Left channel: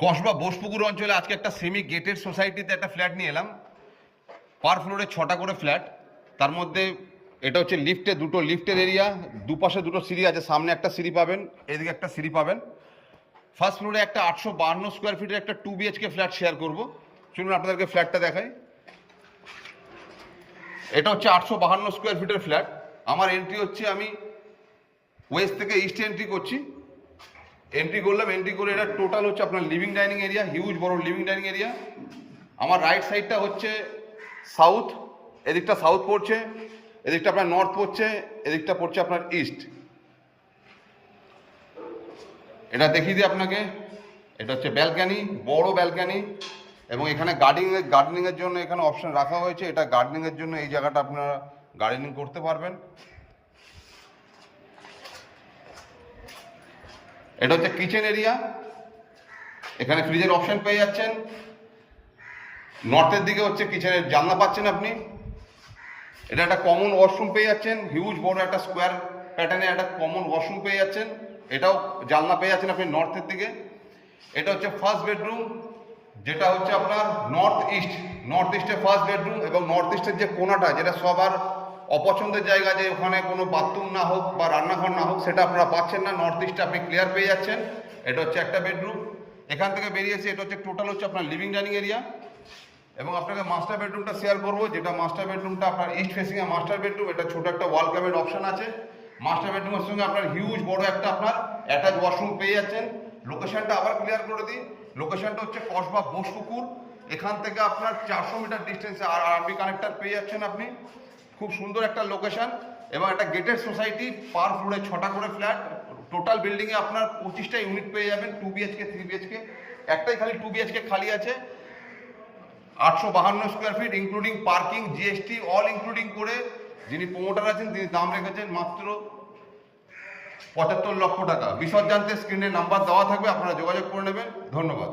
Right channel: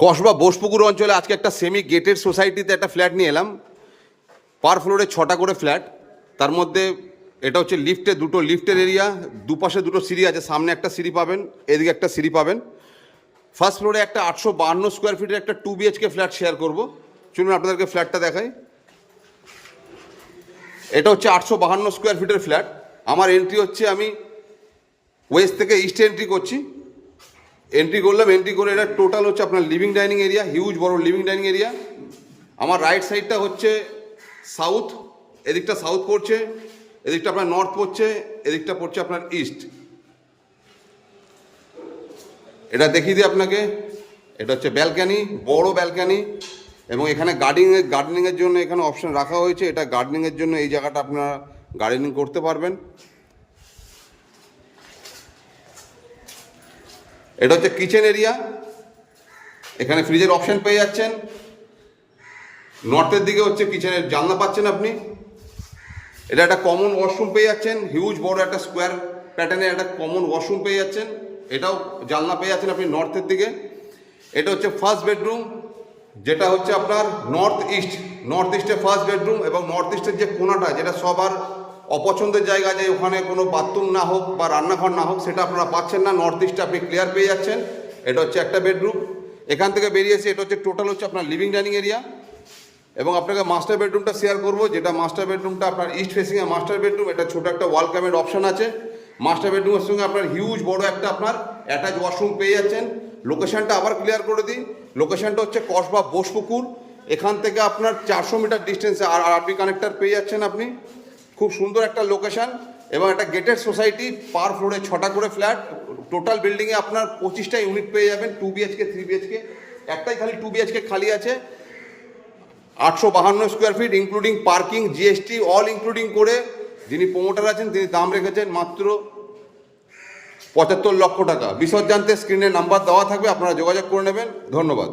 কসবা বোসপুকুর অঞ্চলে আজকে একটা সেমি গেটেড সোসাইটিতে একটা ফ্ল্যাট নিয়ে এলাম। পার ফ্লোরে 6টা করে ফ্ল্যাট। তার মধ্যে এটা হচ্ছে দুটো লিফটের এরিয়া, দুপাশে দুটো সিঁড়ি আছে, সামনে একটা সিঁড়ি পাবেন, এদিকে একটা সিঁড়ি পাবেন। ফার্স্ট ফ্লোরে একটা 852 স্কোয়ার ফিটের একটা 2 BHK ফ্ল্যাট শেয়ার করব। চলুন আপনাদেরকে ফ্ল্যাটটা দেখাই। এটা হচ্ছে 852 স্কোয়ার ফিটের ফ্ল্যাট। আমার এন্ট্রি হচ্ছে, আমি ওয়েস্ট থেকে ইস্টে এন্ট্রি করছি। এন্ট্রি করলাম, এন্ট্রি করে এটা টোটাল হচ্ছে আপনার লিভিং ডাইনিং এরিয়া, হিউজ বড় লিভিং ডাইনিং এরিয়া। আমার রাইট সাইডটা হচ্ছে সাউথ, এদিকটা সাউথ পড়ছে, এদিকটা আপনার নর্থ পড়ছে, এদিকটা পড়ছে আপনার ইস্ট। এটা দেখিয়ে দিই আপনাকে। এটা হচ্ছে ব্যালকানি, বড় ব্যালকানি, এবং এখানে গার্ডেনিংয়ের জন্য এখানে অপশন রাখা হয়েছে। এটা গার্ডেনিংয়ের জন্য এই জায়গাটা আপনারা গার্ডেনিং করতে পারবেন। এটা হচ্ছে কিচেন এরিয়া, এখানে ফ্রিজের অপশন পেয়ে যাচ্ছেন। নর্থের দিকে হচ্ছে কিচেনের জানলা পাচ্ছেন আপনি। এটা একটা কমন ওয়াশরুম পেয়ে যাচ্ছেন, হিউজ বড় একটা স্কোয়ার প্যাটার্নের একটা কমন ওয়াশরুম পেয়ে যাচ্ছেন। এটাও জানলা পেয়ে যাচ্ছেন আপনি নর্থের দিকে। এটা হচ্ছে ফার্স্ট বেডরুম, যেটা হচ্ছে আপনার নর্থ ইস্টে ফার্স্ট বেডরুম। এবং নর্থ ইস্টের যে কোনাটা, যেটা সবার অপছন্দের জায়গা, যে ওখানে কোনো বাথরুম না হোক বা রান্নাঘর না হোক, সেটা আপনারা পাচ্ছেন না। নর্থ ইস্টে আপনি ক্লিয়ার পেয়ে যাচ্ছেন। এটা হচ্ছে একটা বেডরুম। এখান থেকে বেরিয়েছে এটা হচ্ছে টোটাল হচ্ছে আপনার লিভিং ডাইনিং এরিয়া। এবং আপনাকে মাস্টার বেডরুমটা শেয়ার করবো, যেটা মাস্টার বেডরুমটা আপনার ইস্ট ফেসিংয়ে মাস্টার বেডরুম। এটা ছোটো একটা ওয়াল ক্যাবিনেট অপশন আছে। মাস্টার বেডরুমের সঙ্গে আপনার হিউজ বড় একটা আপনার অ্যাটাচ ওয়াশরুম পেয়ে যাচ্ছেন। লোকেশনটা আবার ক্লিয়ার করে দিই। লোকেশনটা হচ্ছে কসবা বোসপুকুর। এখান থেকে আপনার 400 মিটার ডিস্টেন্সে আর আরবি কানেক্টর পেয়ে যাচ্ছেন আপনি। খুব সুন্দর একটা লোকেশন এবং একটা গেটেড সোসাইটি। পার ফ্লোরে 6টা করে ফ্ল্যাট। টোটাল বিল্ডিংয়ে আপনার 25টা ইউনিট পেয়ে যাবেন, 2 BHK 3 BHK। একটাই খালি 2 BHK খালি আছে। 852 square feet, including parking, GST all including করে যিনি প্রমোটার আছেন তিনি দাম রেখেছেন মাত্র 75 লক্ষ টাকা। বিশদ জানতে স্ক্রিনে নাম্বার দেওয়া থাকবে, আপনারা যোগাযোগ করে নেবেন। ধন্যবাদ।